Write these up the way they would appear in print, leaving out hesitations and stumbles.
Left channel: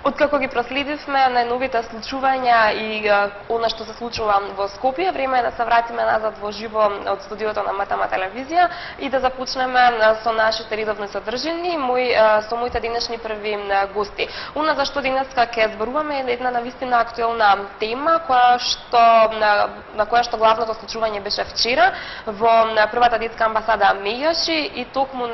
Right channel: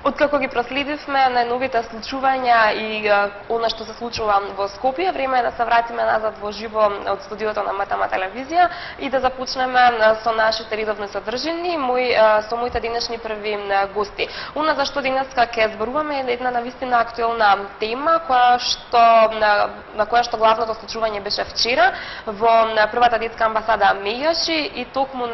Откако ги проследивме најновите случувања и она што се случува во Скопје, време е да се вратиме назад во живо од студиото на МТМ телевизија и да започнеме со нашите редовни содржини со моите денешни први гости. Она за што денеска ќе зборуваме е една навистина актуелна тема на која што главното случување беше вчера во првата детска амбасада Меѓаши и токму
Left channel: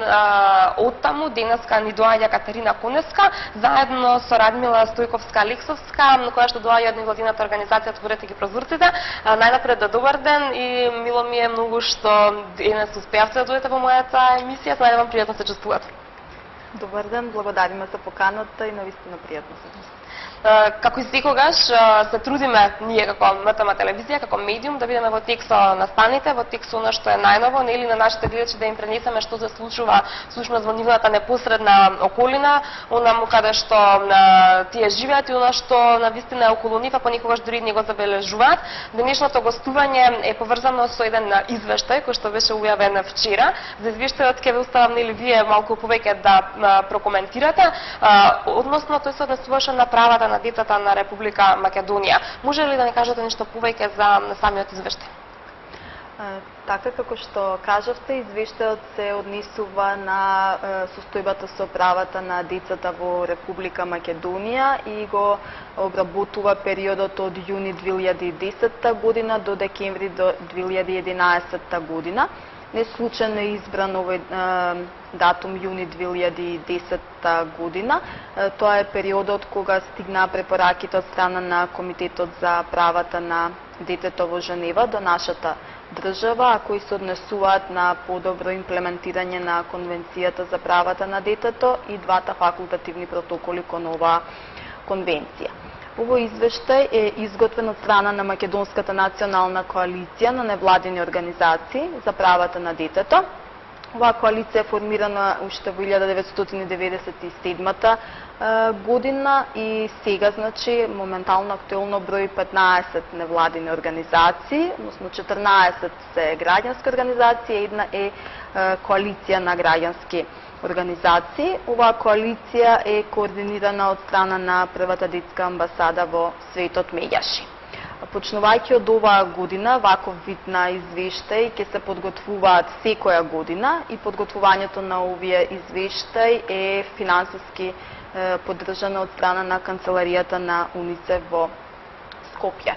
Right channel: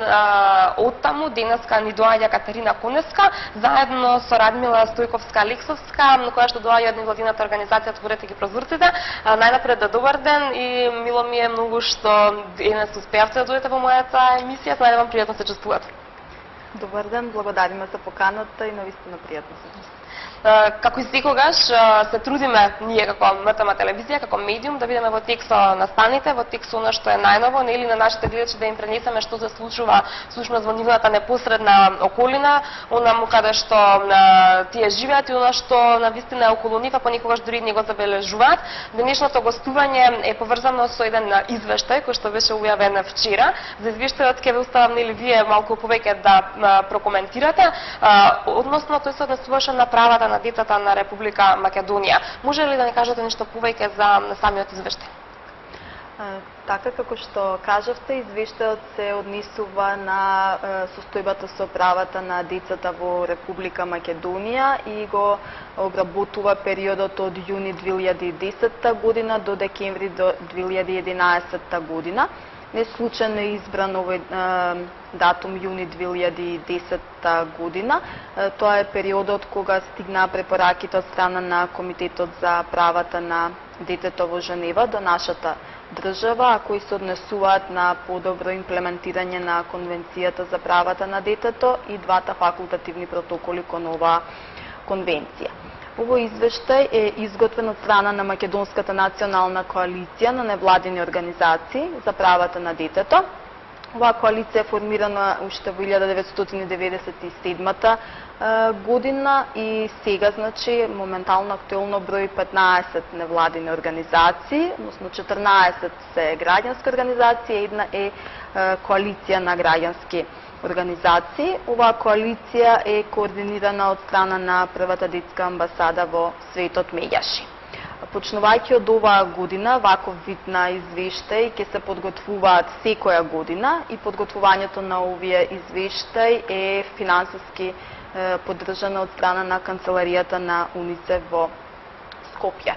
оттаму денеска ни доаѓа Катерина Конеска заедно со Радмила Стојковска-Лексовска, која што доаѓа од невладината организација Отворете ги прозорците. Најнапред добар ден и мило ми е многу што денес успеавте да дојдете во мојата емисија. Надевам пријатно се чувствувате. Добар ден, благодариме за поканата и навистина пријатно се чувствувам. Како и секогаш се трудиме ние како МТМ телевизија, како медиум да бидеме во тек со настаните, во тек со она што е најново, нели на нашите гледачи да им пренесеме што се случува всушност во нивната непосредна околина, онаму каде што тие живеат и она што навистина е околу нив, ако никогаш дури не го забележуваат. Денешното гостување е поврзано со еден извештај кој што беше објавен вчера. За извештајот ќе ве оставам нели вие малку повеќе да прокоментирате, односно тој се однесуваше на правата на децата на Република Македонија. Може ли да ни кажете нешто повеќе за самиот извештај? Така како што кажавте, извештајот се однесува на состојбата со правата на децата во Република Македонија и го обработува периодот од јуни 2010 година до декември 2011 година. Не случајно е избран овој датум јуни 2010 година. Тоа е периодот кога стигна препораките од страна на Комитетот за правата на детето во Женева до нашата држава, а кои се однесуваат на подобро имплементирање на Конвенцијата за правата на детето и двата факултативни протоколи кон оваа конвенција. Овој извештај е изготвен од страна на Македонската национална коалиција на невладини организации за правата на детето. Оваа коалиција е формирана уште во 1997 година и сега, значи, моментално актуелно брои 15 невладини организации, односно 14 се граѓански организации, една е коалиција на граѓански организации. Оваа коалиција е координирана од страна на првата детска амбасада во светот Меѓаши. Почнувајќи од оваа година, ваков вид на извештај ќе се подготвуваат секоја година и подготвувањето на овие извештај е финансиски поддржано од страна на канцеларијата на УНИЦЕФ во Скопје.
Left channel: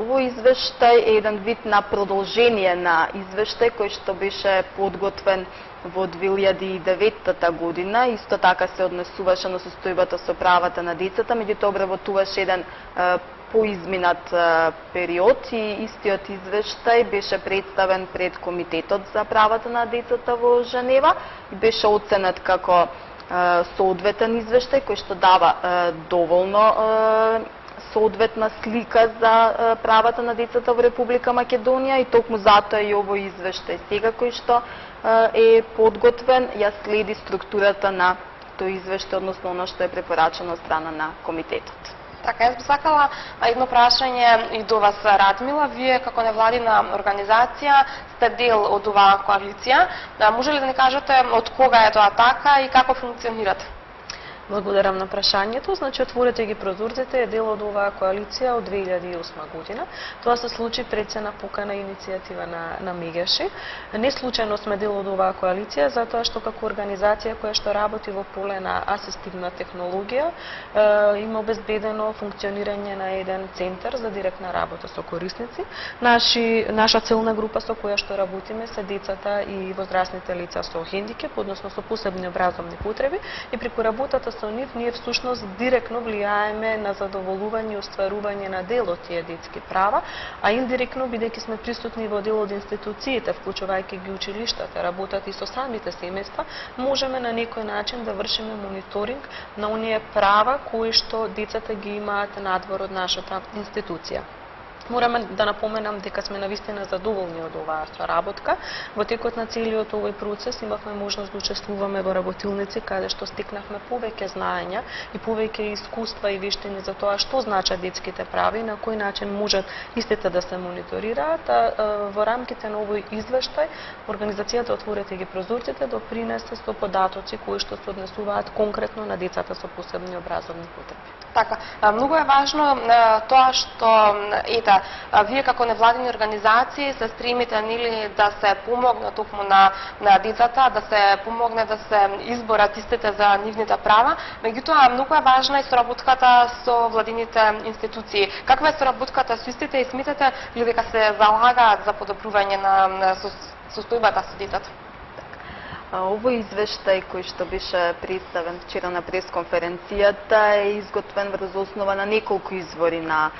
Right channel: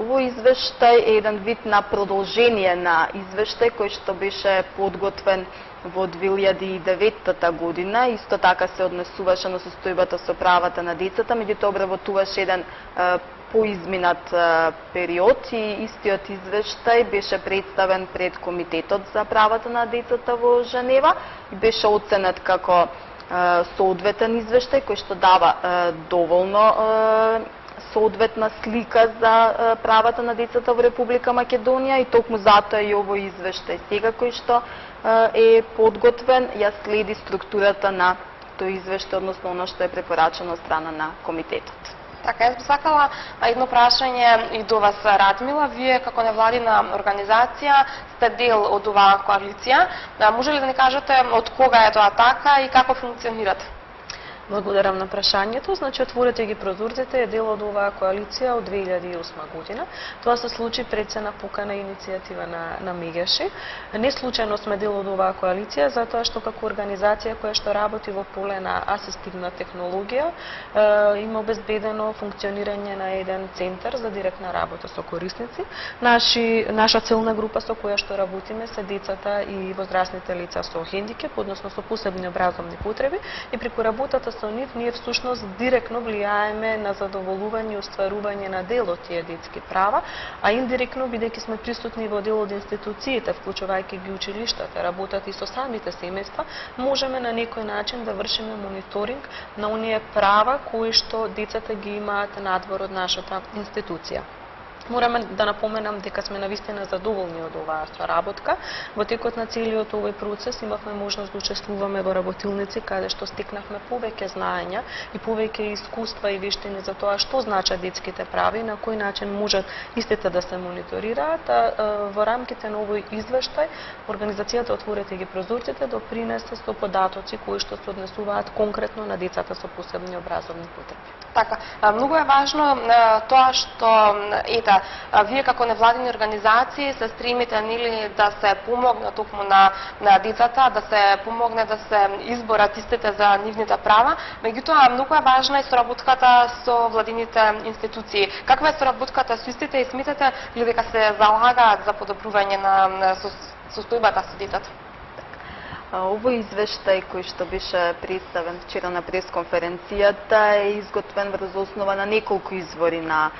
Овој извештај е еден вид на продолжение на извештај кој што беше подготвен во 2009 година, исто така се однесуваше на состојбата со правата на децата, меѓутоа обработуваше еден поизминат период и истиот извештај беше представен пред Комитетот за правата на децата во Женева и беше оценет како соодветен извештај кој што дава доволно соодветна слика за правата на децата во Република Македонија и токму затоа и овој извештај сега кој што е подготвен ја следи структурата на тој извештај, односно оно што е препорачено од страна на комитетот. Така, јас би сакала едно прашање и до вас, Радмила. Вие како невладина организација сте дел од оваа коалиција. Може ли да ни кажете од кога е тоа така и како функционирате? Благодарам на прашањето. Значи, Отворете ги прозорците е дел од оваа коалиција од 2008 година. Тоа се случи пред се напукана иницијатива на Меѓаши. Не случајно сме дел од оваа коалиција, затоа што како организација која што работи во поле на асистивна технологија, има обезбедено функционирање на еден центар за директна работа со корисници. Наша целна група со која што работиме се децата и возрастните лица со хендикеп, односно со посебни образовни потреби, и преку работата со нив ние всушност директно влијаеме на задоволување и остварување на дел од тие детски права, а индиректно, бидејќи сме присутни во дел од институциите, вклучувајќи ги училиштата, работат и со самите семејства, можеме на некој начин да вршиме мониторинг на оние права кои што децата ги имаат надвор од нашата институција. Мораме да напоменам дека сме навистина задоволни од оваа соработка. Во текот на целиот овој процес имавме можност да учествуваме во работилници каде што стекнавме повеќе знаења и повеќе искуства и вештини за тоа што значат детските права и на кој начин можат истите да се мониторираат. Во рамките на овој извештај организацијата Отворете ги прозорците допринесе со податоци кои што се однесуваат конкретно на децата со посебни образовни потреби. Така, многу е важно тоа што вие како невладини организации се стремите нели да се помогне токму на децата, да се помогне да се изборат истите за нивните права, меѓутоа многу е важна и соработката со владините институции. Каква е соработката со истите и сметате ли дека се залагаат за подобрување на состојбата со децата? Овој извештај кој што беше представен вчера на пресконференцијата е изготвен врз основа на неколку извори на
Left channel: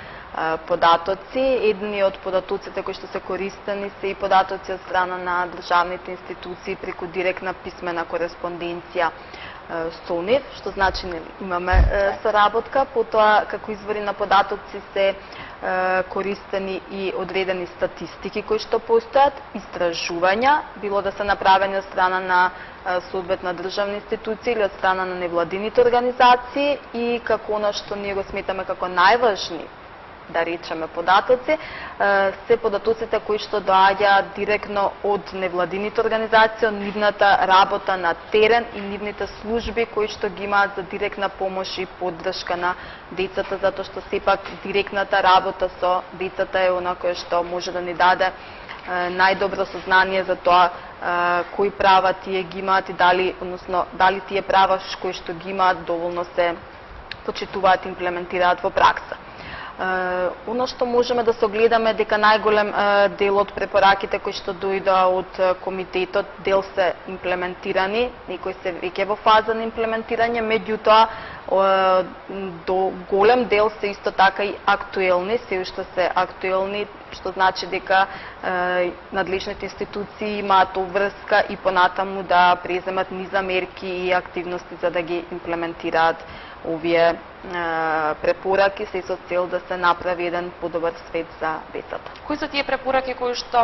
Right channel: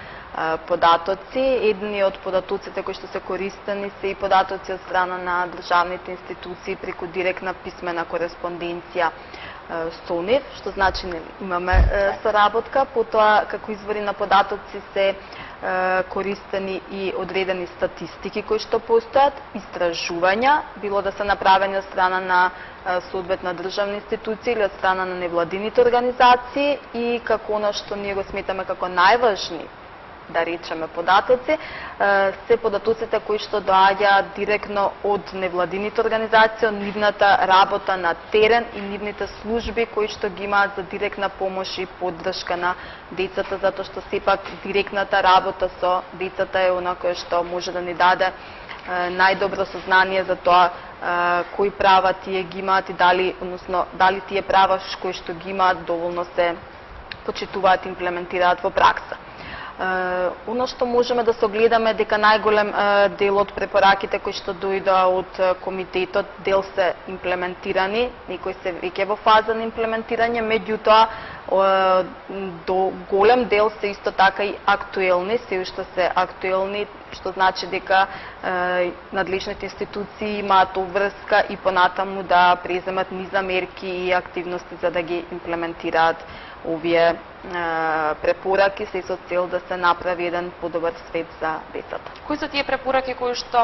податоци. Едни од податоците кои што се користени се и податоци од страна на државните институции преку директна писмена кореспонденција со нив, што значи имаме соработка. Потоа како извори на податоци се користени и одредени статистики кои што постојат, истражувања, било да се направени од страна на соодветна државна институција или од страна на невладините организации, и како она што ние го сметаме како најважни, да речеме, податоци, се податоците кои што доаѓаат директно од невладините организации, од нивната работа на терен и нивните служби кои што ги имаат за директна помош и поддршка на децата, затоа што сепак директната работа со децата е она кое што може да ни даде најдобро сознание за тоа кои права тие ги имаат и дали тие права кои што ги имаат доволно се почитуваат и имплементираат во пракса. Оно што можеме да се огледаме дека најголем дел од препораките кои што дојдоа од комитетот, дел се имплементирани, некои се веќе во фаза на имплементирање, меѓутоа до голем дел се исто така и актуелни, се уште се актуелни, што значи дека надлежните институции имаат обврска и понатаму да преземат низа мерки и активности за да ги имплементираат овие препораки, се со цел да се направи еден подобар свет за децата. Кои се тие препораки кои што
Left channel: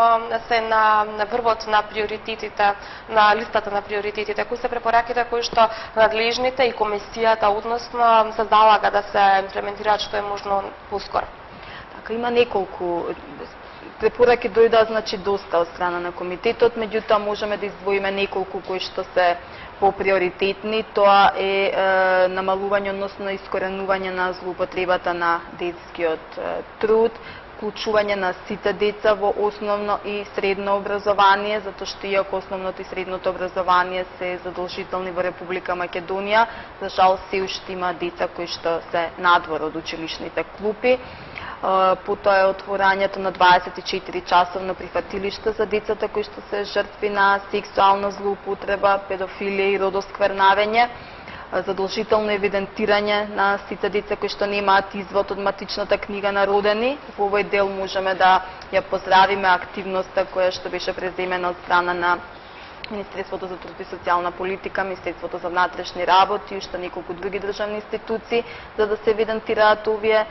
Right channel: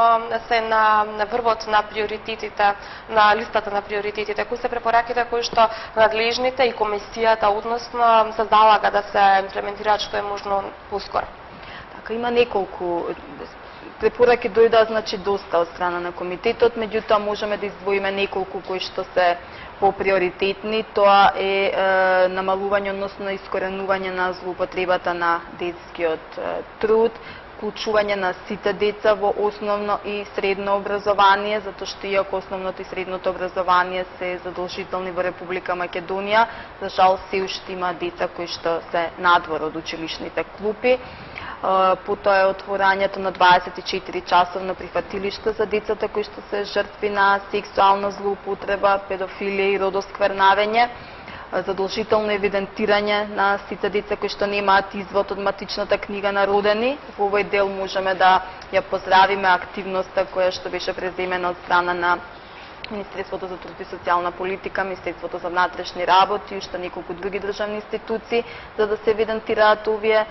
се на врвот на приоритетите, на листата на приоритетите? Кои се препораките кои што надлежните и комисијата односно се залага да се имплементираат што е можно поскоро? Така, има неколку препораки дојдоа, значи доста од страна на комитетот, меѓутоа можеме да издвоиме неколку кои што се поприоритетни. Тоа е намалување, односно искоренување на злоупотребата на детскиот труд, вклучување на сите деца во основно и средно образование, затоа што иако основното и средното образование се задолжителни во Република Македонија, за жал се уште има деца кои што се надвор од училишните клупи. Потоа е отворањето на 24-часовно прифатилиште за децата кои што се жртви на сексуална злоупотреба, педофилија и родосквернавење, задолжително евидентирање на сите деца кои што немаат извод од матичната книга на родени. Во овој дел можеме да ја поздравиме активноста која што беше преземена од страна на Министерството за труд и социјална политика, Министерството за внатрешни работи и уште неколку други државни институции за да се евидентираат овие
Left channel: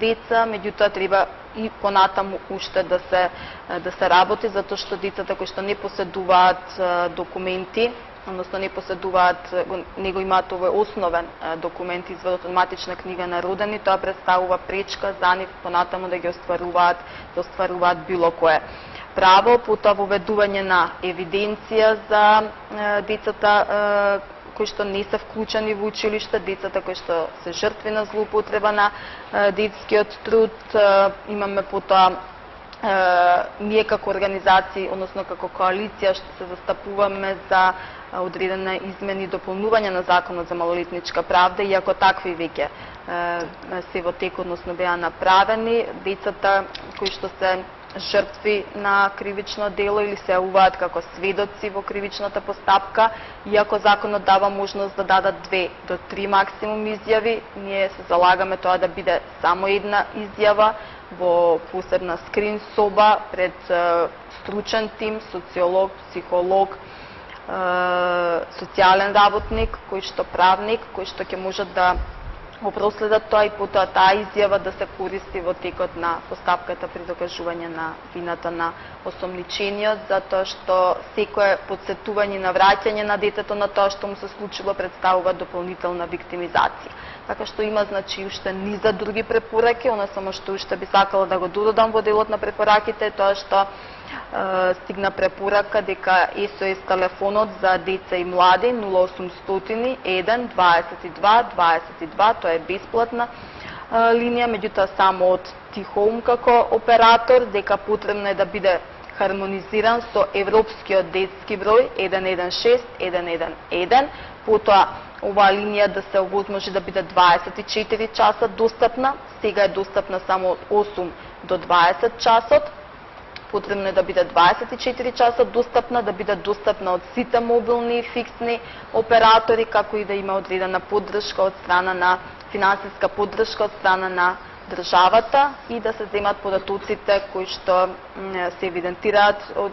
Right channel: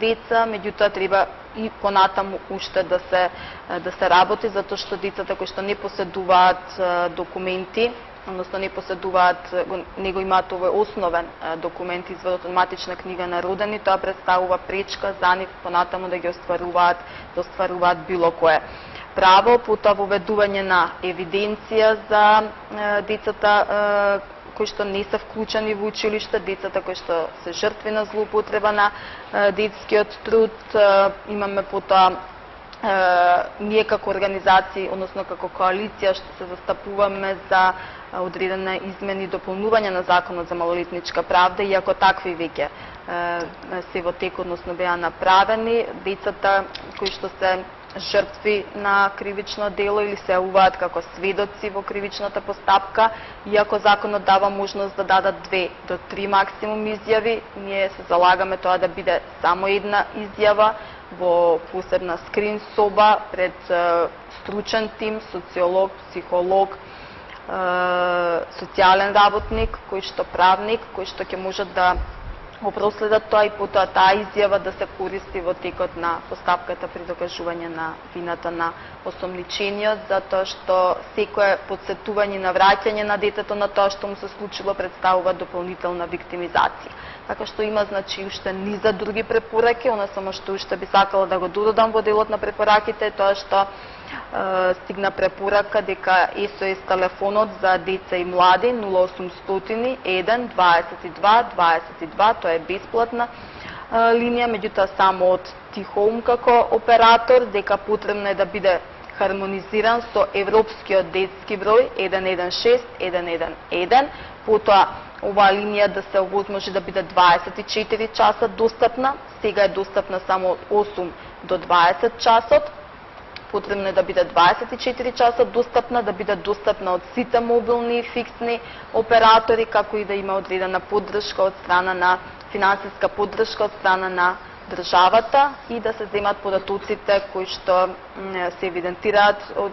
деца, меѓутоа треба и понатаму уште да се работи, затоа што децата кои што не поседуваат документи, односно не поседуваат, не го имаат овој основен документ, изводот од матична книга на родени, тоа представува пречка за нив понатаму да ги остваруваат било кое право. Потоа воведување на евиденција за децата кои што не се вклучени во училиште, децата кои што се жртви на злоупотреба на детскиот труд. Имаме потоа ние како организации, односно како коалиција, што се застапуваме за одредена измени и дополнување на Законот за малолетничка правда, иако такви веќе се во тек, односно беа направени. Децата кои што се жртви на кривично дело или се јавуваат како сведоци во кривичната постапка, иако законот дава можност да дадат 2 до 3 максимум изјави, ние се залагаме тоа да биде само една изјава во посебна скрин соба пред стручен тим, социолог, психолог, социјален работник, кој што правник, кој што ќе можат да во проследот тоа и потоа таа изјава да се користи во текот на постапката при докажување на вината на осомничениот, затоа што секое потсетување на враќање на детето на тоа што му се случило представува дополнителна виктимизација. Така што има значи уште низа други препораки, она само што уште би сакала да го додадам во делот на препораките е тоа што стигна препорака дека СОС телефонот за деца и млади 0800 1 22 22, тоа е бесплатна линија, меѓутоа само од T-Home како оператор, дека потребно е да биде хармонизиран со европскиот детски број 116 111, потоа оваа линија да се овозможи да биде 24 часа достапна, сега е достапна само од 8 до 20 часот, потребно е да биде 24 часа достапна, да биде достапна од сите мобилни и фиксни оператори, како и да има одредена поддршка од страна на финансиска поддршка од страна на државата и да се земат податоците кои што се евидентираат од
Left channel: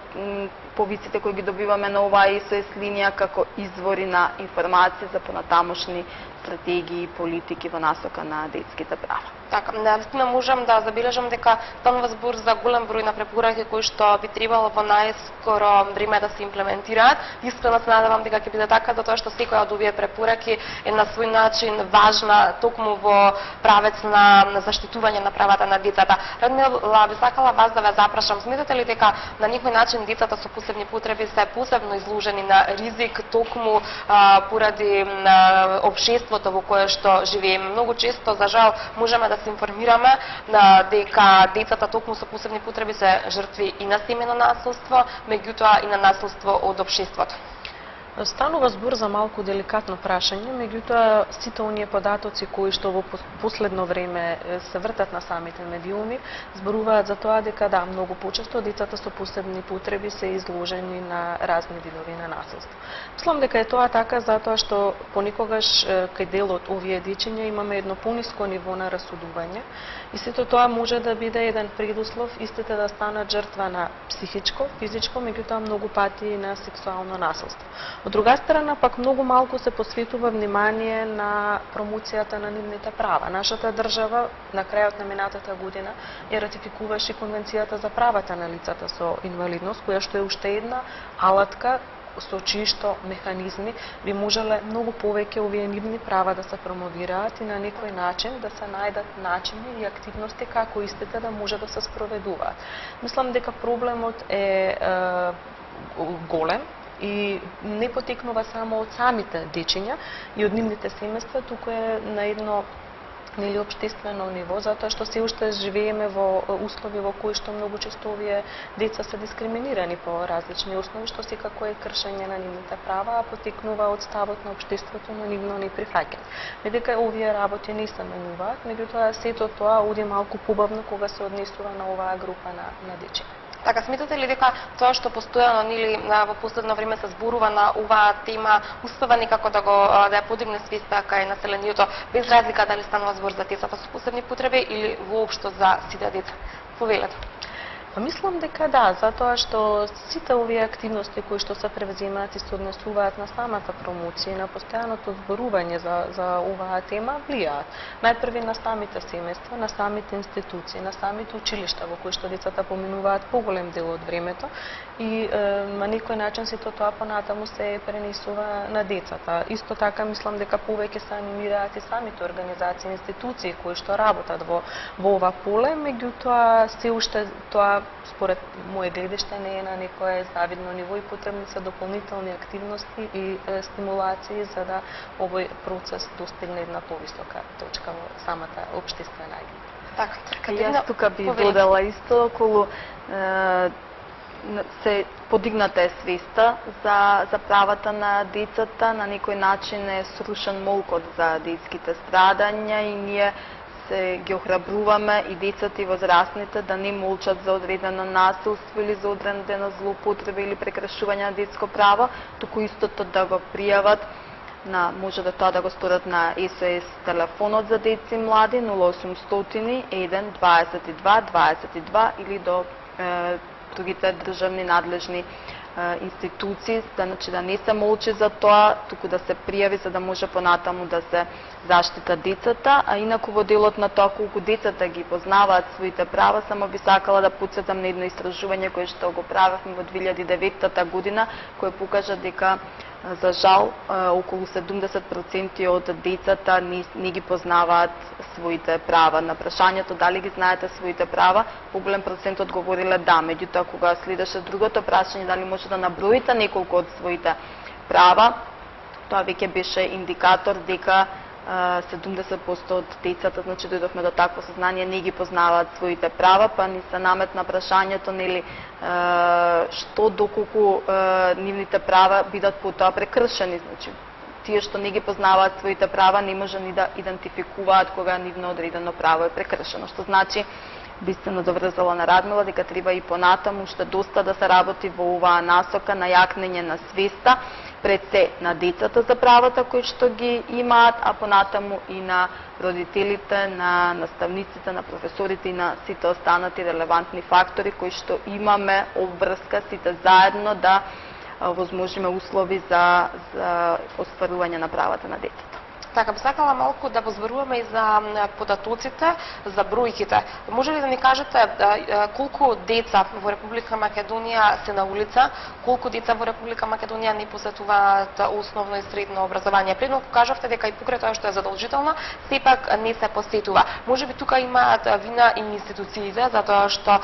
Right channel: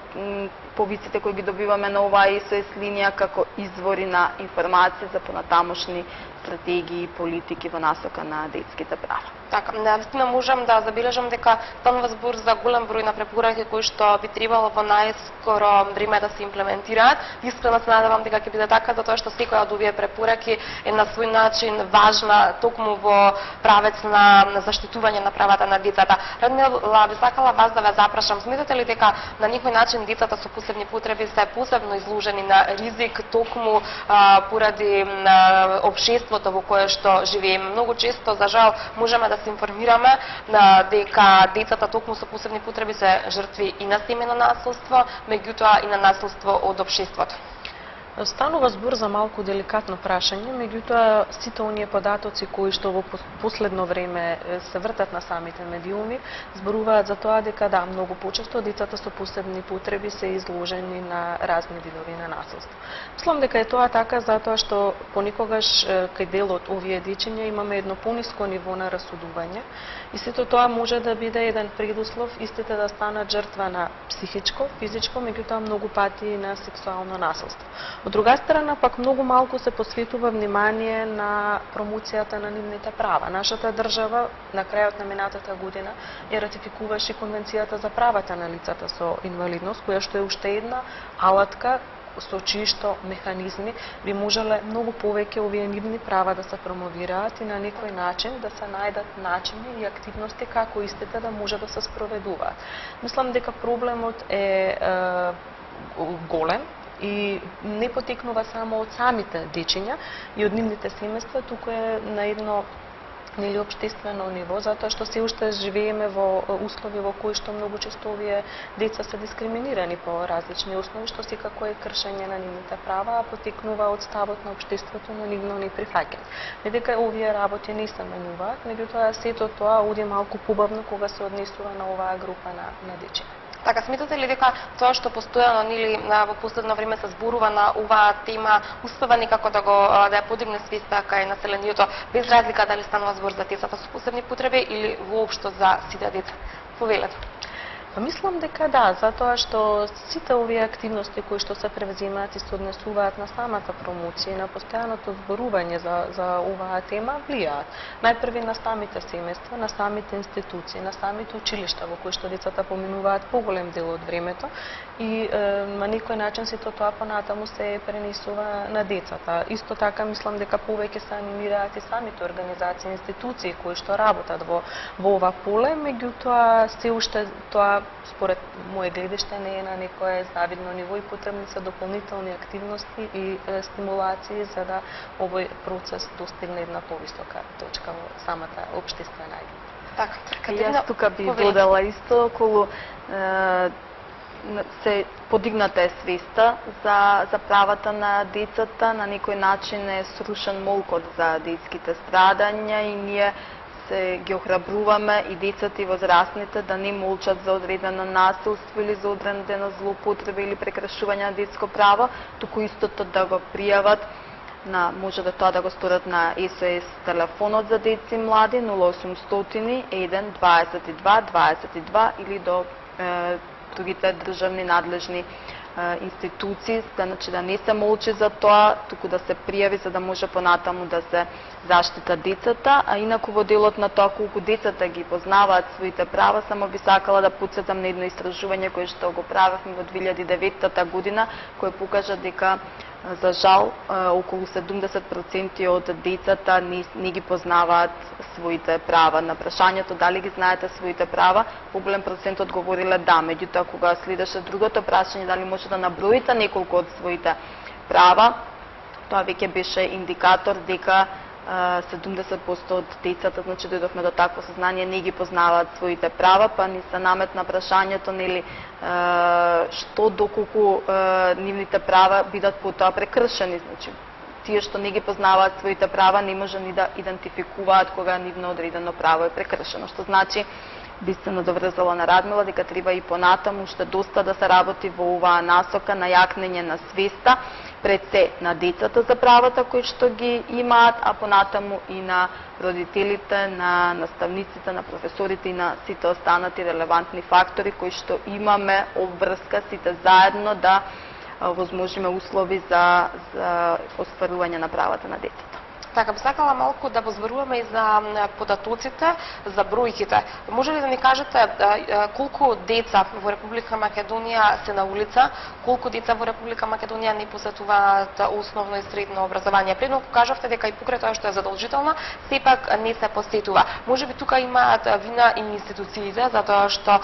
повиците кои ги добиваме на оваа СОС линија како извори на информации за понатамошни стратегии и политики во насока на детските права. Така, наистина можам да забележам дека станува збор за голем број на препораки кои што би требало во најскоро време да се имплементираат. Искрено се надевам дека ќе биде така, затоа што секоја од овие препораки е на свој начин важна токму во правец на заштитување на правата на децата. Радмила, би сакала вас да ве запрашам, сметате ли дека на некој начин децата со посебни потреби се посебно изложени на ризик токму поради општеството во кое што живееме? Многу често, за жал, можеме да се информираме дека децата токму со посебни потреби се жртви и на семено насилство, меѓутоа и на насилство од општеството. Станува збор за малку деликатно прашање, меѓутоа сите оние податоци кои што во последно време се вртат на самите медиуми, зборуваат за тоа дека да, многу почесто децата со посебни потреби се изложени на разни видови на насилство. Мислам дека е тоа така затоа што понекогаш кај дел од овие дечиња имаме едно пониско ниво на расудување и сето тоа може да биде еден предуслов истите да станат жртва на психичко, физичко, меѓутоа многу пати и на сексуално насилство. Од друга страна, пак многу малку се посветува внимание на промоцијата на нивните права. Нашата држава на крајот на минатата година ја ратификуваше Конвенцијата за правата на лицата со инвалидност, која што е уште една алатка со чии што механизми би можеле многу повеќе овие нивни права да се промовираат и на некој начин да се најдат начини и активности како истите да може да се спроведуваат. Мислам дека проблемот е голем и не потекнува само од самите дечиња и од нивните семејства, туку е на едно или општествено ниво, затоа што се уште живееме во услови во кои што многу често овие деца се дискриминирани по различни основи, што секако е кршење на нивните права, а потекнува од ставот на општеството на нивно неприфаќање. Медека овие работи не се менуваат, меѓутоа сето тоа оди малку побавно кога се однесува на оваа група на дечиња. Така, сметате ли дека тоа што постојано нели во последно време се зборува на оваа тема успева некако да ја подигне свеста кај населението, без разлика дали станува збор за децата со посебни потреби или воопшто за сите деца? Повелете. Мислам дека да, затоа што сите овие активности кои што се превземаат и се однесуваат на самата промоција и на постојаното зборување за оваа тема влијаат. Најпрви на самите семејства, на самите институции, на самите училишта во кои што децата поминуваат поголем дел од времето и на некој начин сето тоа понатаму се пренесува на децата. Исто така мислам дека повеќе се анимираат и самите организации и институции кои што работат во ова поле, меѓутоа се уште тоа според моје гледиште не е на некое завидно ниво и потребни се дополнителни активности и стимулации за да овој процес достигне една повисока точка во самата општествена агенда. Така, јас тука би додала исто околу се подигната е свеста за правата на децата, на некој начин е срушен молкот за детските страдања и ние ги охрабруваме и децата и возрастните да не молчат за одредено насилство или за одредено злоупотреба или прекрашување на детско право, туку истото да го пријават може да тоа да го сторат на СОС телефонот за деца и млади 0800 1 22 22 или до другите државни надлежни институции, значи да не се молчи за тоа, туку да се пријави за да може понатаму да се заштита децата, а инаку во делот на тоа колку децата ги познаваат своите права, само би сакала да потсетам на едно истражување кое што го правевме во 2009 година, кој покажа дека за жал околу 70% од децата не ги познаваат своите права. На прашањето дали ги знаете своите права, поголем процент одговориле да, меѓутоа кога следеше другото прашање дали може да наброите неколку од своите права, тоа веќе беше индикатор дека 70% од децата, значи дојдовме до такво сознание, не ги познаваат своите права, па ни се наметна прашањето, нели, што доколку нивните права бидат потоа прекршени, значи тие што не ги познаваат своите права не може ни да идентификуваат кога нивно одредено право е прекршено, што значи Дистено доврзало на Радмила дека треба и понатаму уште доста да се работи во оваа насока на јакнење на свеста пред се на децата за правата кои што ги имаат, а понатаму и на родителите, на наставниците, на професорите и на сите останати релевантни фактори кои што имаме обврска сите заедно да возможиме услови за остварување на правата на децата. Така, би сакала малку да возборуваме и за податоците, за бројките. Може ли да ни кажете колку деца во Република Македонија се на улица, колку деца во Република Македонија не посетуваат основно и средно образование? Предно кажавте дека и покрај тоа што е задолжително, сепак не се посетува. Може би тука имаат вина и институциите, затоа што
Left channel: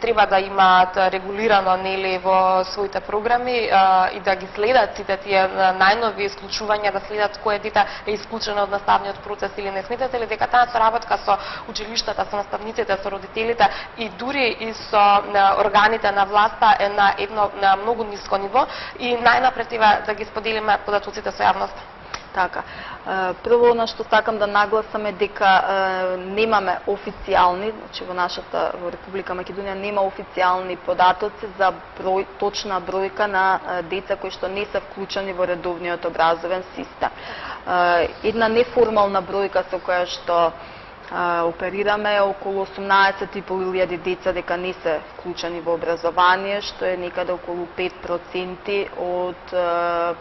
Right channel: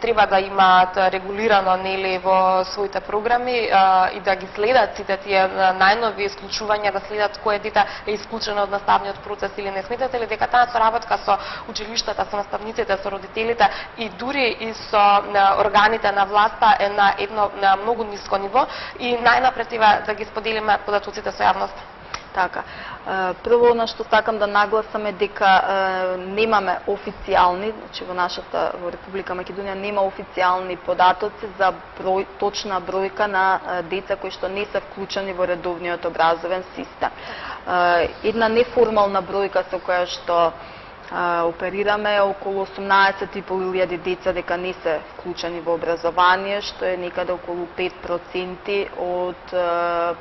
треба да имаат регулирано нели во своите програми и да ги следат сите тие најнови исклучувања, да следат кој дете е исклучено од наставниот процес или не. Сметате ли дека таа соработка со училиштата, со наставниците, со родителите и дури и со органите на власта е на едно многу ниско ниво и најнапред треба да ги споделиме податоците со јавноста? Така. Прво на што сакам да нагласам е дека немаме официјални, значи во Република Македонија нема официјални податоци за точна бројка на деца кои што не се вклучени во редовниот образовен систем. Една неформална бројка со која што оперираме е околу 18.500 деца дека не се вклучени во образование, што е некаде околу 5% од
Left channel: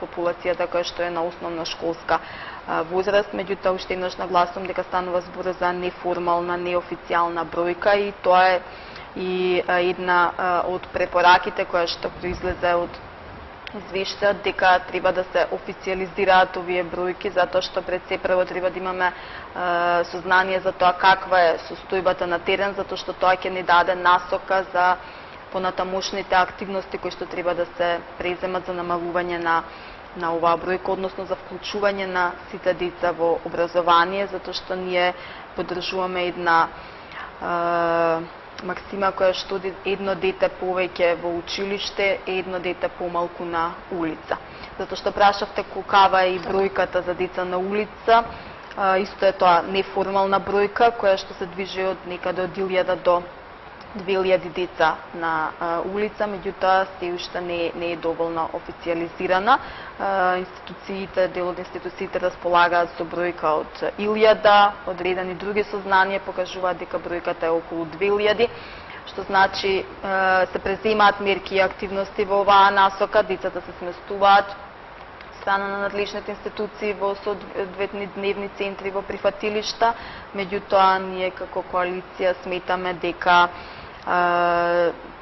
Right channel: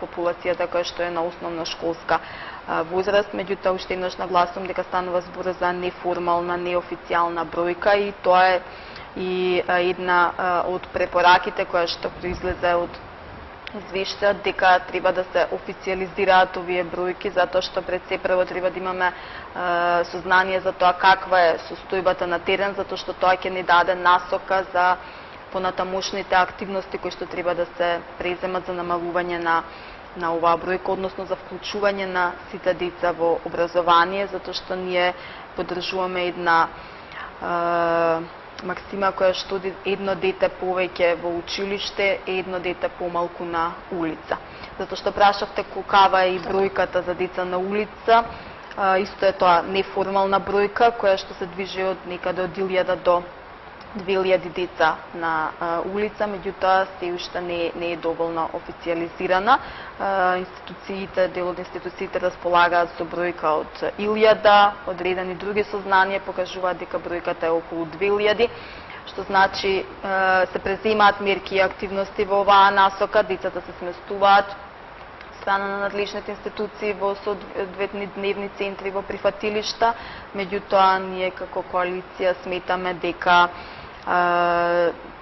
популацијата која што е на основна школска возраст. Меѓутоа, уште еднаш нагласувам дека станува збор за неформална, неофицијална бројка и тоа е и една од препораките која што произлезе од извештајот дека треба да се официјализираат овие бројки, затоа што пред се прво треба да имаме сознание за тоа каква е состојбата на терен, затоа што тоа ќе ни даде насока за понатамошните активности кои што треба да се преземат за намалување на оваа бројка, односно за вклучување на сите деца во образование, затоа што ние поддржуваме една максима која што едно дете повеќе во училиште, едно дете помалку на улица. Затоа што прашавте колкава е и бројката за деца на улица, исто е тоа неформална бројка која што се движи од некаде од 1000 до 2000 деца на улица, меѓутоа се уште не е доволно официјализирана. Институциите, дел од институциите располагаат со бројка од 1000, одредени други сознанија покажуваат дека бројката е околу 2000, што значи се преземаат мерки и активности во оваа насока, децата се сместуваат страна на надлежните институции во соодветни дневни центри во прифатилишта, меѓутоа ние како коалиција сметаме дека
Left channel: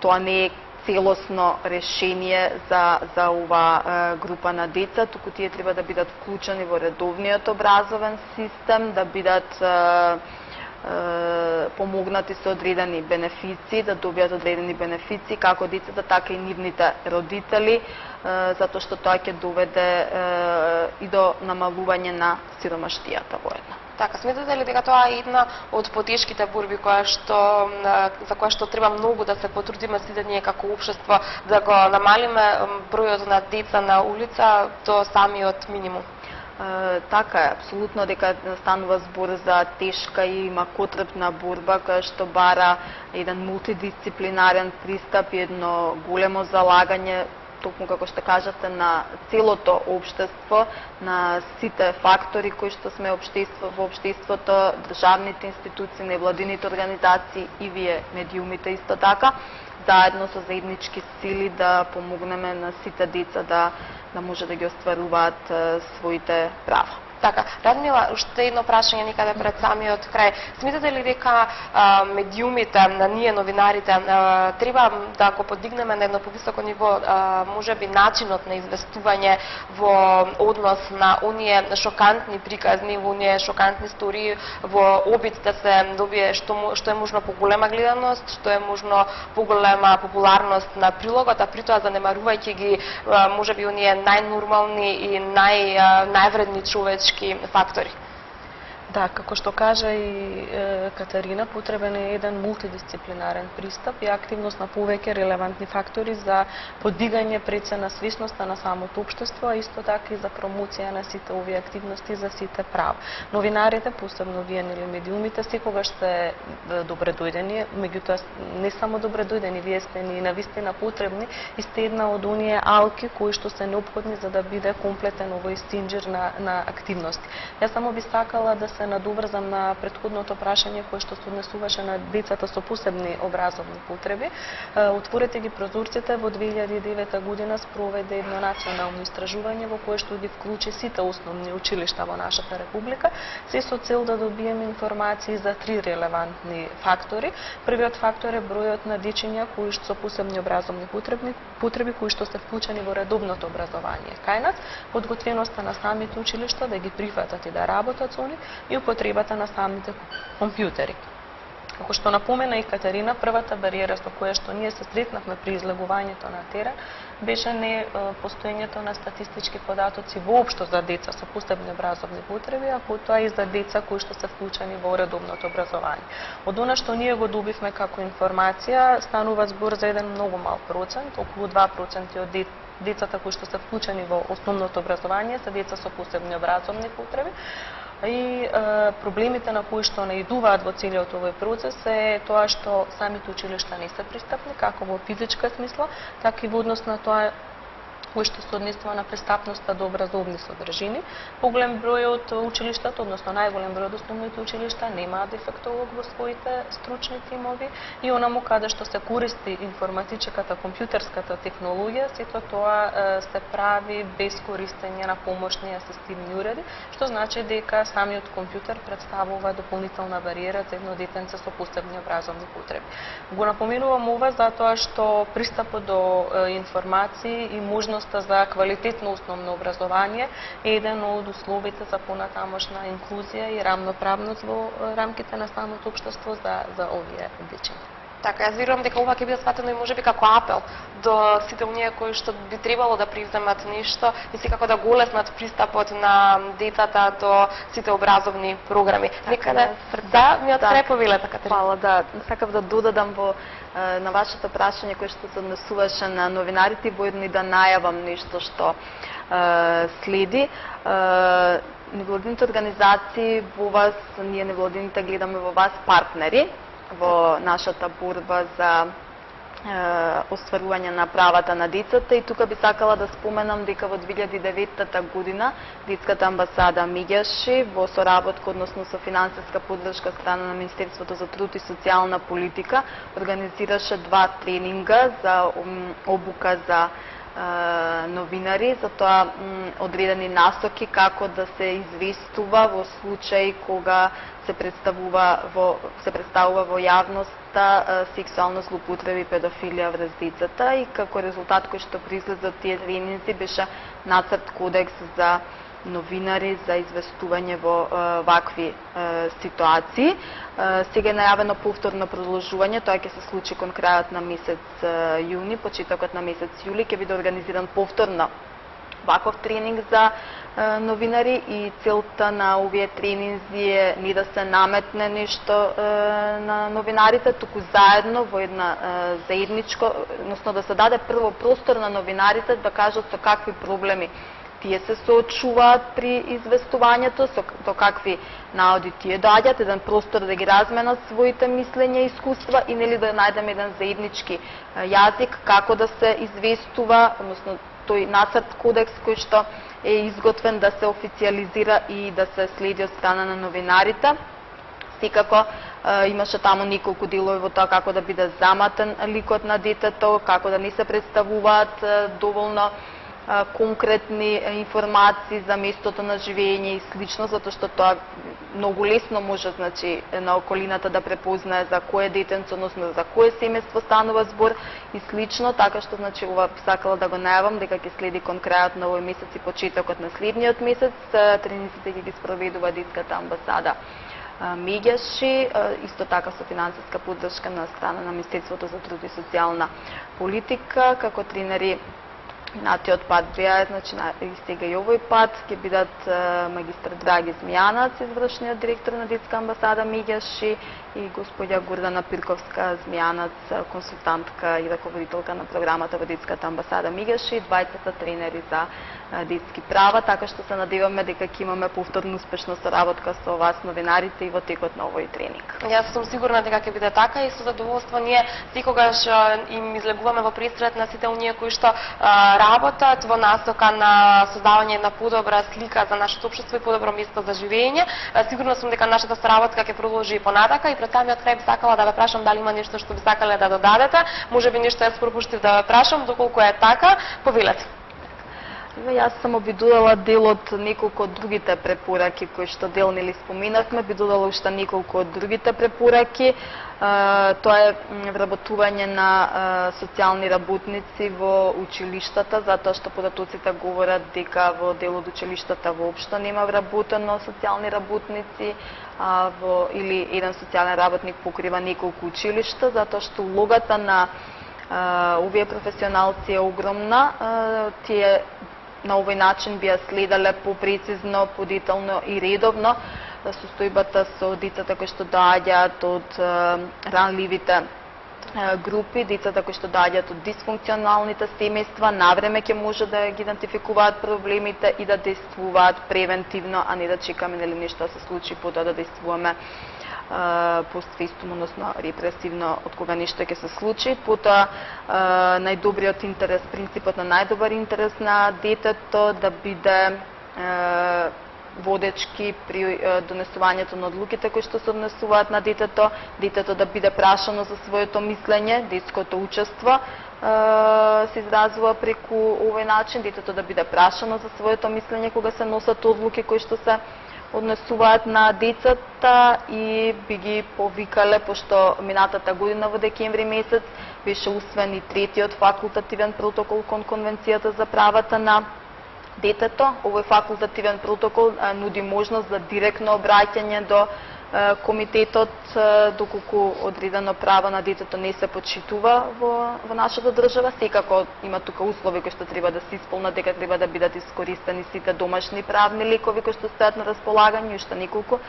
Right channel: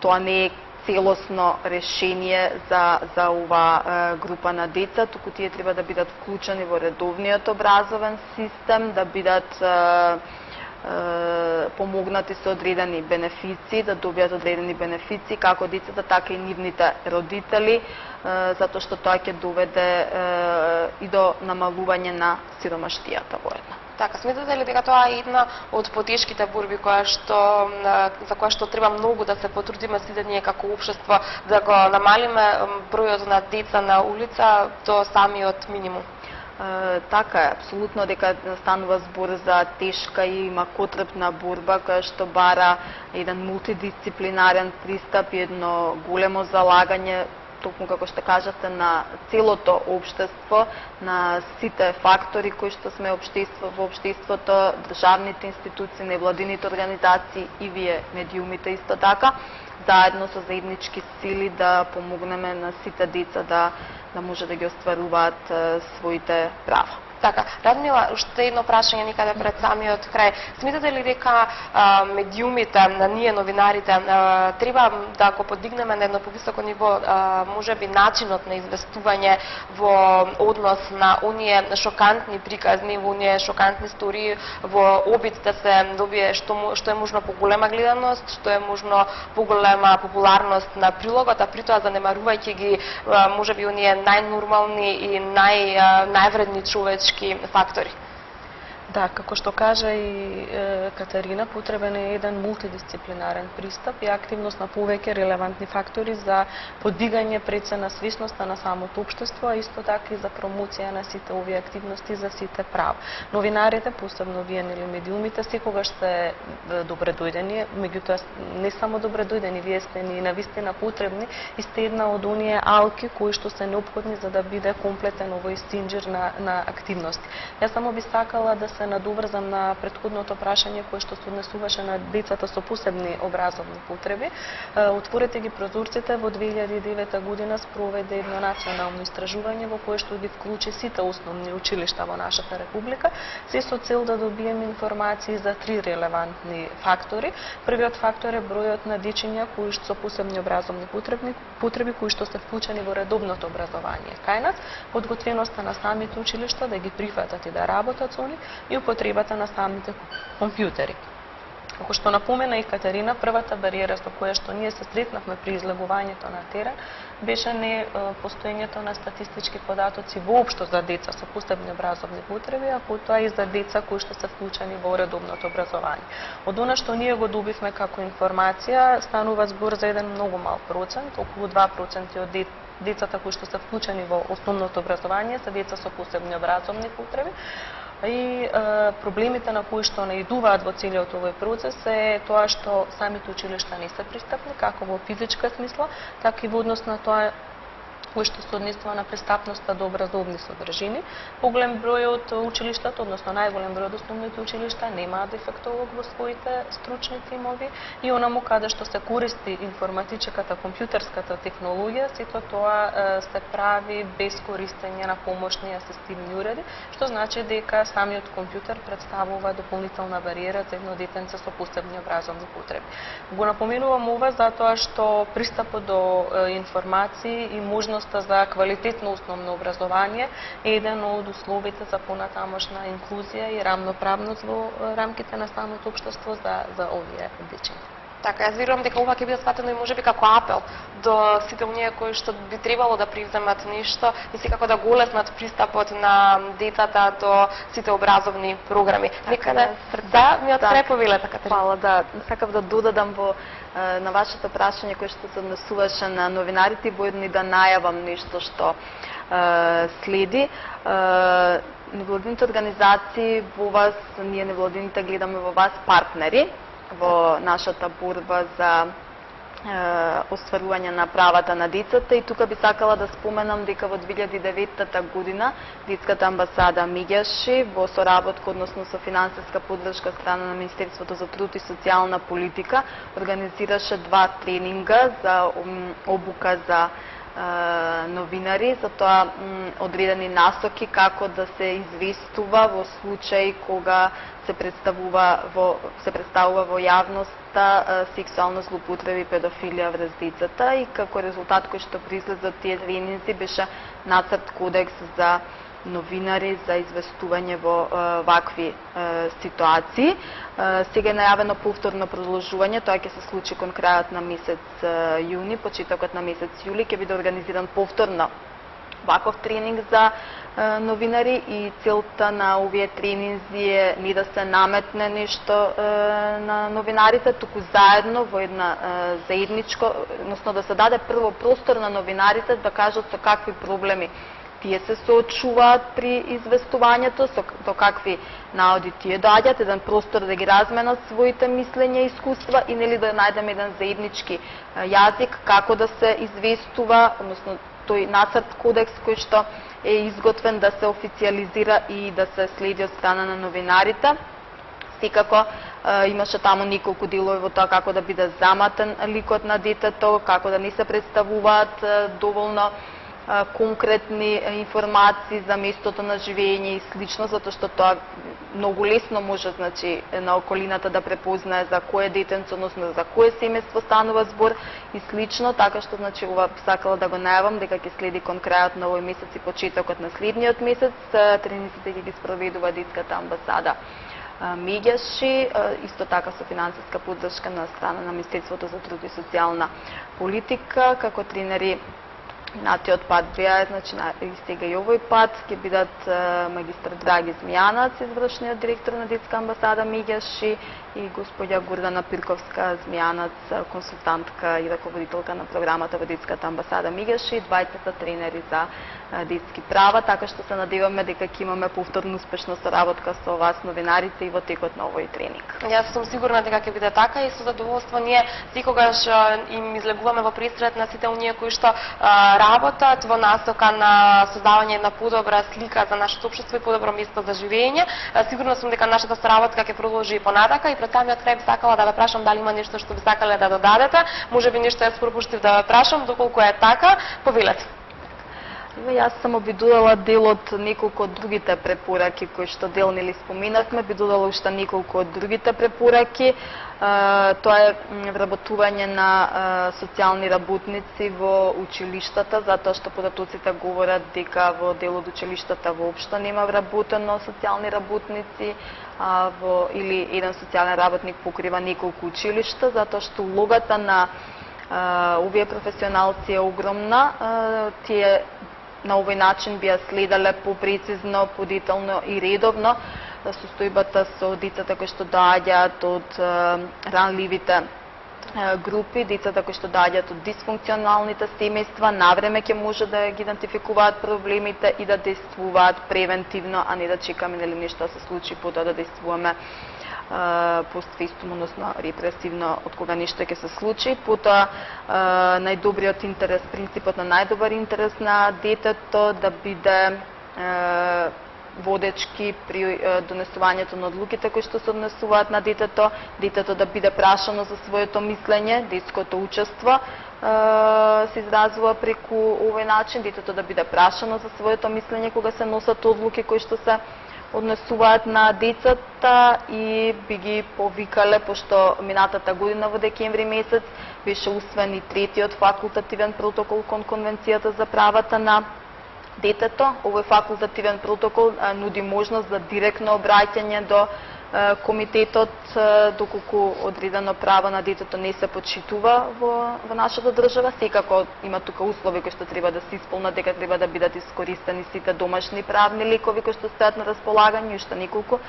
тоа не е целосно решение за ова група на деца, туку тие треба да бидат вклучени во редовниот образовен систем, да бидат помогнати со одредени бенефиции, да добијат одредени бенефиции, како децата, така и нивните родители, затоа што тоа ќе доведе и до намалување на сиромаштијата воедно. Така, сметате ли дека тоа е една од потешките борби за која што треба многу да се потрудиме сите ние како општество, да го намалиме бројот на деца на улица до самиот минимум? Така е, апсолутно дека станува збор за тешка и макотрпна борба која што бара еден мултидисциплинарен пристап и едно големо залагање токму како што кажавте, на целото општество, на сите фактори кои што сме во општеството, државните институции, невладините организации и вие медиумите исто така, заедно со заеднички сили да помогнеме на сите деца да може да ги остваруваат своите права. Така, Радмила, уште едно прашање никаде пред самиот крај. Смятате ли дека медиумите, ние новинарите, треба да го подигнеме на едно повисоко ниво, можеби начинот на известување во однос на оние шокантни приказни, во оние шокантни истории, во обид да се добие што е можно поголема гледаност, што е можно поголема популарност на прилогот, а при тоа занемарувајќи ги можеби оние најнормални и највредни човечки фактори. Да, како што кажа и Катерина, потребен е еден мултидисциплинарен пристап и активност на повеќе релевантни фактори за подигање прецена свесноста на самото општество, а исто така и за промоција на сите овие активности за сите права. Новинарите, посебно вие или медиумите, секогаш сте добре дојдени, меѓутоа не само добре дојдени, вие сте ни навистина потребни и сте една од оние алки кои што се неопходни за да биде комплетен овој стинџер на активности. Јас само би сакала да се надоврзам на претходното прашање кое што се однесуваше на децата со посебни образовни потреби. Отворете ги прозорците во 2009 година спроведе едно национално истражување во кое што ги вклучи сите основни училишта во нашата република, се со цел да добиеме информации за 3 релевантни фактори. Првиот фактор е бројот на дечиња кои што со посебни образовни потреби кои што се вклучени во редовното образование кај нас, подготвеноста на самите училишта да ги прифатат и да работат со нив и употребата на самите компјутери. Како што напомена и Катерина, првата бариера со која што ние се сретнавме при излегувањето на терен беше не постоењето на статистички податоци воопшто за деца со посебни образовни потреби, а потоа и за деца кои што се вклучени во редовното образование. Од она што ние го добивме како информација, станува збор за еден многу мал процент, околу 2% од децата кои што се вклучени во основното образование се деца со посебни образовни потреби. И проблемите на кои што наидуваат во целиот овој процес е тоа што самите училишта не се пристапни, како во физичка смисла, така и во однос на тоа кој што се однесува на пристапноста до образовни содржини. Поголем број од училиштата, односно најголем број од основните училишта немаат дефектолог во своите стручни тимови и онаму каде што се користи информатичката, компјутерската технологија, сето тоа се прави без користење на помошни асистивни уреди, што значи дека самиот компјутер представува дополнителна бариера за едно детенце со посебни образовни потреби. Го напоменувам ова затоа што пристапот до информации и можност за квалитетно основно образование е еден од условите за понатамошна инклузија и рамноправност во рамките на самото општество за овие дечиња. Така, јас верувам дека ова ќе биде сватено и можеби како апел до сите оние кои што би требало да привземат нешто и секако да го олеснат пристапот на децата до сите образовни програми. Никаде да ми отсреповилете, Катерина. Фала, да. Сакав да додадам на вашето прашање кое што се однесуваше на новинарите и воедно да најавам нешто што следи. Невладините организации во вас, ние невладините гледаме во вас партнери во нашата борба за остварување на правата на децата и тука би сакала да споменам дека во 2009 година Детската амбасада Меѓаши во соработка, односно со финансиска поддршка од страна на Министерството за труд и социјална политика организираше 2 тренинга за обука за новинари, за тоа одредени насоки како да се известува во случај кога се представува во јавноста сексуална злоупотреба и педофилија врз децата и како резултат кој што произлезе од тие тренинзи беше нацрт кодекс за новинари за известување во вакви ситуации. Сега е најавено повторно продолжување, тоа ќе се случи кон крајот на месец јуни, почетокот на месец јули ќе биде организиран повторно ваков тренинг за новинари и целта на овие тренинзи е не да се наметне нешто на новинарите, туку заедно во една заедничко, односно да се даде прво простор на новинарите да кажат со какви проблеми тие се соочуваат при известувањето, до какви наоди тие доаѓаат, еден простор да ги разменат своите мислења и искуства и нели да најдеме еден заеднички јазик како да се известува, односно тој нацрт кодекс кој што е изготвен да се официализира и да се следи од страна на новинарите. Секако имаше таму неколку делови во тоа како да биде заматен ликот на детето, како да не се представуваат доволно конкретни информации за местото на живење и слично, затоа што тоа многу лесно може, значи, на околината да препознае за кое детенце, односно за кое семејство станува збор и слично, така што, значи, ова сакала да го најавам дека ќе следи кон крајот на овој месец и почетокот на следниот месец. Трениците ќе ги спроведува детската амбасада Меѓаши, исто така со финансиска поддршка на страна на Министерството за труд и социјална политика, како тренери минатиот пат беа, значи и сега и овој пат ќе бидат магистар Драги Змијанац, извршниот директор на детска амбасада Меѓаши, и господја Гордана Пирковска Змијанац, консултантка и раководителка на програмата во детската амбасада Меѓаши, двајцата тренери за детски права, така што се надеваме дека ќе имаме повторно успешна соработка со вас новинарите и во текот на овој тренинг. Јас сум сигурна дека ќе биде така и со задоволство ние секогаш им излегуваме во престрет на сите оние кои што работат во насока на создавање на подобра слика за нашето општество и подобро место за живење. Сигурна сум дека нашата соработка ќе продолжи и понатака и пред самиот крај сакала да ве прашам дали има нешто што би сакале да додадете. Можеби нешто јас пропуштив да ве прашам, доколку е така, повелете. Јас само би додала дел од неколку од другите препораки кои што дел нели споменавме, би додала уште неколку од другите препораки. Тоа е вработување на социјални работници во училиштата, затоа што податоците говорат дека во дел од училиштата воопшто нема вработено социјални работници, или еден социјален работник покрива неколку училишта, затоа што улогата на овие професионалци е огромна. Тие на овој начин би ја следале попрецизно, подетално и редовно состојбата со децата кои што доаѓаат од ранливите групи, децата кои што доаѓаат од дисфункционалните семејства, навреме ќе може да ги идентификуваат проблемите и да действуваат превентивно, а не да чекаме нели нешто да се случи потоа да действуваме постфестум, односно репресивно од кога нешто ќе се случи. Потоа најдобриот интерес, принципот на најдобар интерес на детето да биде водечки при донесувањето на одлуките кои што се однесуваат на детето, детето да биде прашано за своето мислење, детското учество се изразува преку овој начин, детето да биде прашано за своето мислење кога се носат одлуки кои што се однесуваат на децата и би ги повикале, пошто минатата година во декември месец беше усвоен и третиот факултативен протокол кон Конвенцијата за правата на детето. Овој факултативен протокол нуди можност за директно обраќање до комитетот доколку одредено право на детето не се почитува во нашата држава. Секако има тука услови кои што треба да се исполнат, дека треба да бидат искористени сите домашни правни лекови кои што стојат на располагање, уште неколку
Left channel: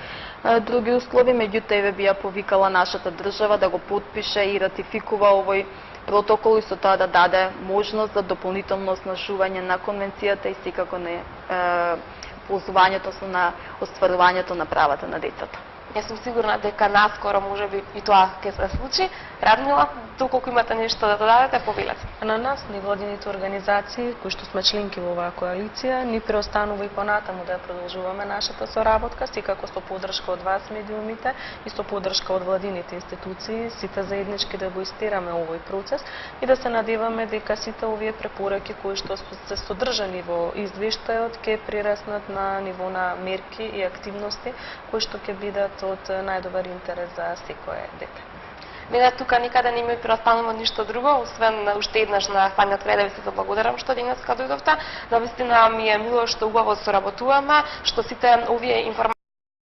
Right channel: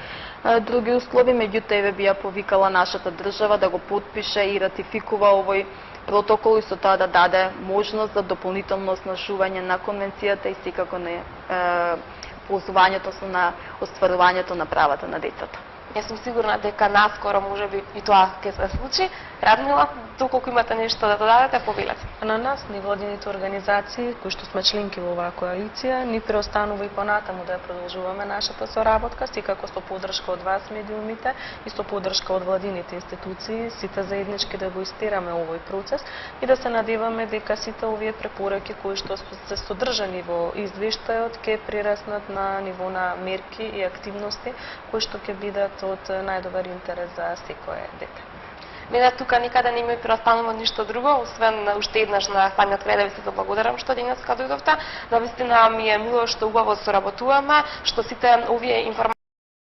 други услови. Меѓутоа би ја повикала нашата држава да го потпише и ратификува овој протокол и со тоа да даде можност за дополнително оснажување на конвенцијата и секако на ползувањето на остварувањето на правата на децата. Јас сум сигурна дека наскоро можеби и тоа ќе се случи. Радмила, доколку имате нешто да додадете, повелете. На нас, невладините организации, кои што сме членки во оваа коалиција, ни преостанува и понатаму да ја продолжуваме нашата соработка, секако со поддршка од вас медиумите и со поддршка од владините институции, сите заеднички да го истераме овој процес и да се надеваме дека сите овие препораки кои што се содржани во извештајот ќе прераснат на ниво на мерки и активности кои што ќе бидат од најдобар интерес за секое дете. Мене тука никаде не ми преостанува ништо друго, освен уште еднаш на самиот крај да ви се заблагодарам што денеска дојдовте. Навистина ми е мило што убаво соработуваме, што сите овие информации